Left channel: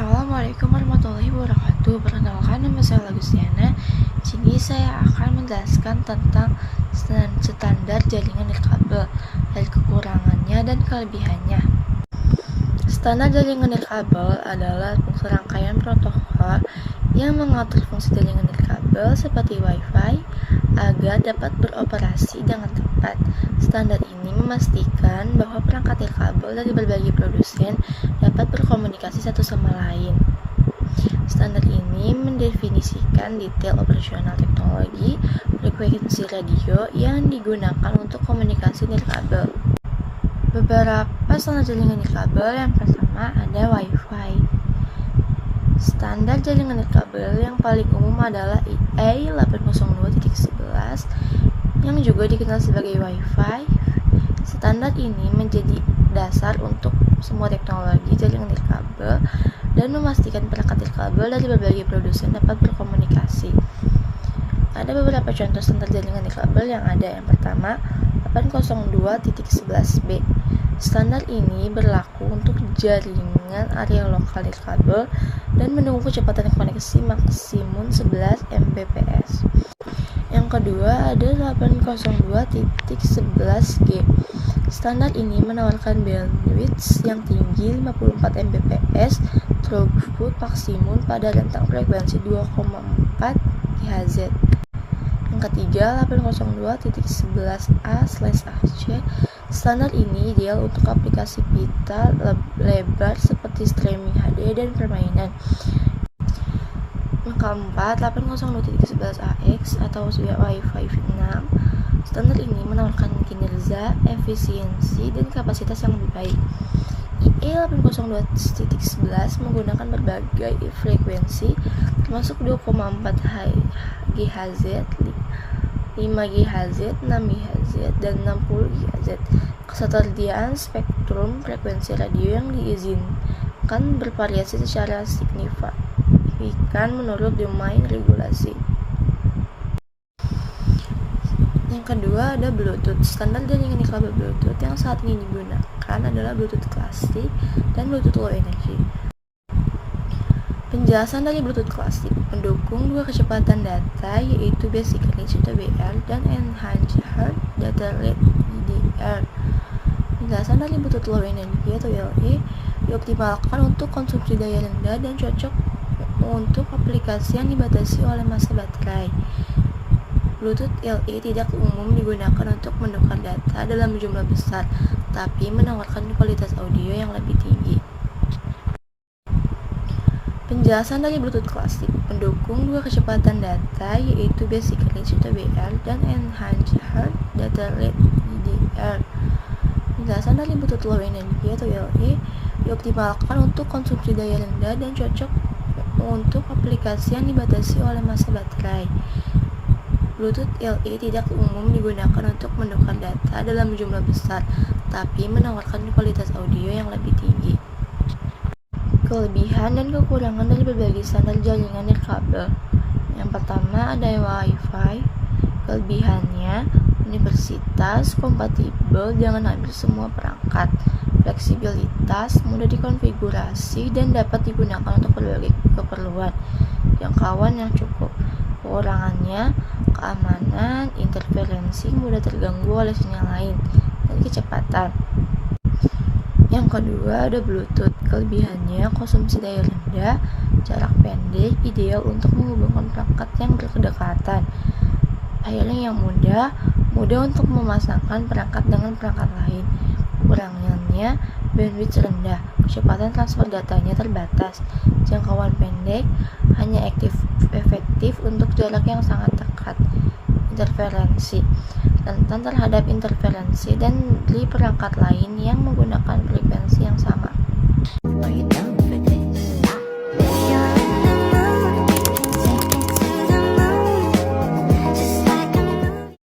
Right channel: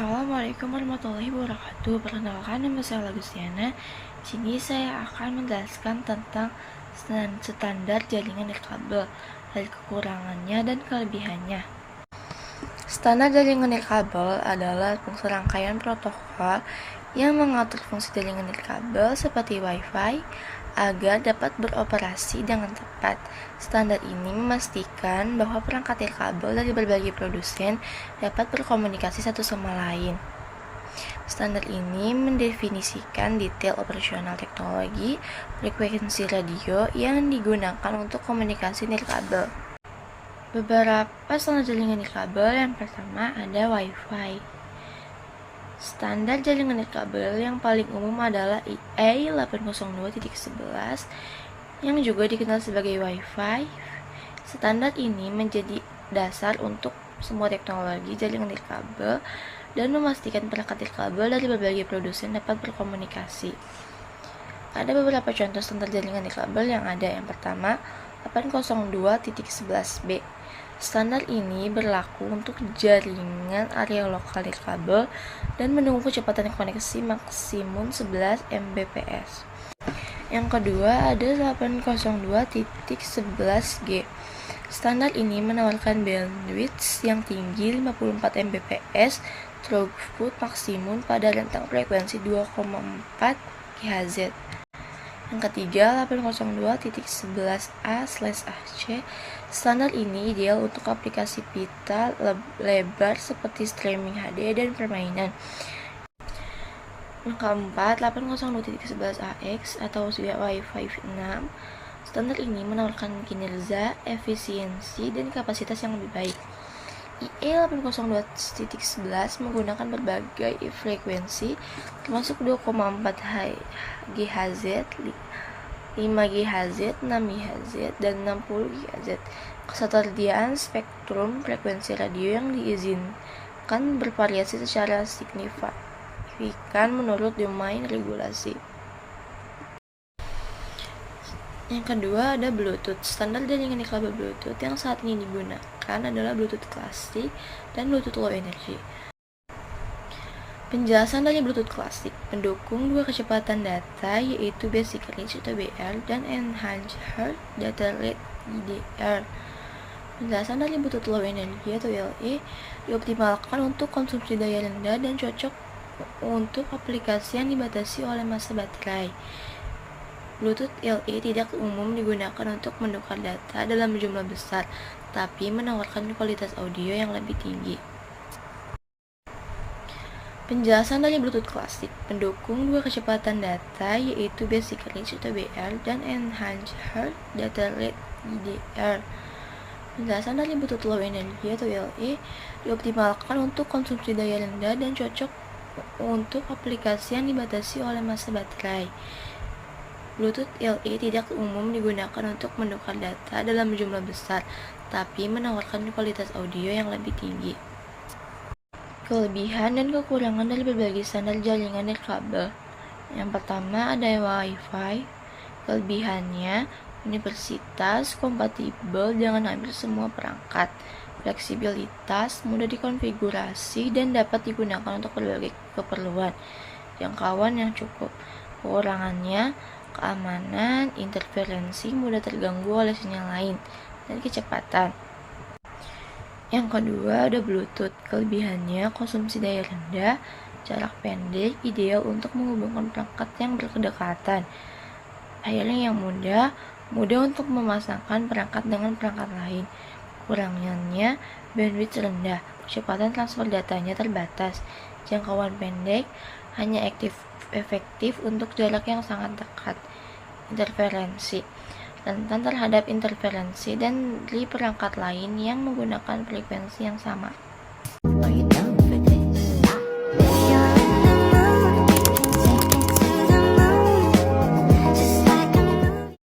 Assalamualaikum warahmatullahi wabarakatuh. Perkenalkan, nama saya Lagustiana. Di sini saya akan menjelaskan tentang standar jaringan nirkabel, dari kekurangannya dan kelebihannya. Standar jaringan nirkabel adalah serangkaian protokol yang mengatur fungsi jaringan nirkabel seperti Wi-Fi agar dapat beroperasi dengan tepat. Standar ini memastikan bahwa perangkat nirkabel dari berbagai produsen dapat berkomunikasi satu sama lain. Standar ini mendefinisikan detail operasional teknologi frekuensi radio yang digunakan untuk komunikasi nirkabel. Beberapa standar jaringan nirkabel, yang pertama ada Wi-Fi. Standar jaringan nirkabel yang paling umum adalah IE 802.11 yang juga dikenal sebagai Wi-Fi. Standar ini menjadi dasar untuk semua teknologi jaringan nirkabel dan memastikan perangkat nirkabel dari berbagai produsen dapat berkomunikasi. Ada beberapa contoh standar jaringan nirkabel yang ada. Yang pertama, 802.11b. Standar ini berlaku untuk jaringan area lokal nirkabel dan mendukung kecepatan koneksi maksimum 11 Mbps. Yang kedua ada 802.11g. Standar ini menawarkan bandwidth yang tinggi 54 Mbps, throughput maksimum pada rentang frekuensi 2,4 GHz. Yang ketiga, 802.11a/ac. Standar ini ideal untuk aplikasi pita lebar seperti streaming HD dan permainan. Yang keempat, 802.11ax atau Wi-Fi 6. Standar ini menawarkan kinerja, efisiensi, dan kapasitas yang lebih baik. IE 802.11 menggunakan berbagai frekuensi termasuk 2,4 GHz, 5 GHz, 6 GHz, dan 60 GHz. Ketersediaan spektrum frekuensi radio yang diizinkan bervariasi secara signifikan menurut domain regulasi. Yang kedua ada Bluetooth. Standar jaringan nirkabel Bluetooth yang saat ini digunakan adalah Bluetooth klasik dan Bluetooth low energy. Penjelasan dari Bluetooth klasik mendukung dua kecepatan data, yaitu Basic Range atau BR dan Enhanced Data Rate EDR. Penjelasan dari Bluetooth low energy atau LE dioptimalkan untuk konsumsi daya rendah dan cocok untuk aplikasi yang dibatasi oleh masa baterai. Bluetooth LE tidak umum digunakan untuk menukar data dalam jumlah besar, tapi menawarkan kualitas audio yang lebih tinggi. Penjelasan dari Bluetooth klasik mendukung dua kecepatan data, yaitu Basic Range atau BR dan Enhanced Data Rate EDR. Penjelasan dari Bluetooth low energy atau LE dioptimalkan untuk konsumsi daya rendah dan cocok untuk aplikasi yang dibatasi oleh masa baterai. Bluetooth LE tidak umum digunakan untuk menukar data dalam jumlah besar, tapi menawarkan kualitas audio yang lebih tinggi. Kelebihan dan kekurangan dari berbagai standar jaringan nirkabel. Yang pertama ada Wi-Fi. Kelebihannya, universalitas, kompatibel dengan hampir semua perangkat, fleksibilitas, mudah dikonfigurasi dan dapat digunakan untuk berbagai keperluan, jangkauan yang cukup. Kekurangannya, keamanan, interferensi, mudah terganggu oleh sinyal lain, dan kecepatan. Yang kedua ada Bluetooth. Kelebihannya, konsumsi daya rendah, jarak pendek, ideal untuk menghubungkan perangkat yang berdekatan. Pairing yang mudah untuk memasangkan perangkat dengan perangkat lain. Kekurangannya, bandwidth rendah, kecepatan transfer datanya terbatas, jangkauan pendek, hanya efektif untuk jarak yang sangat dekat. Interferensi, rentan terhadap interferensi dan dari perangkat lain yang menggunakan frekuensi yang sama.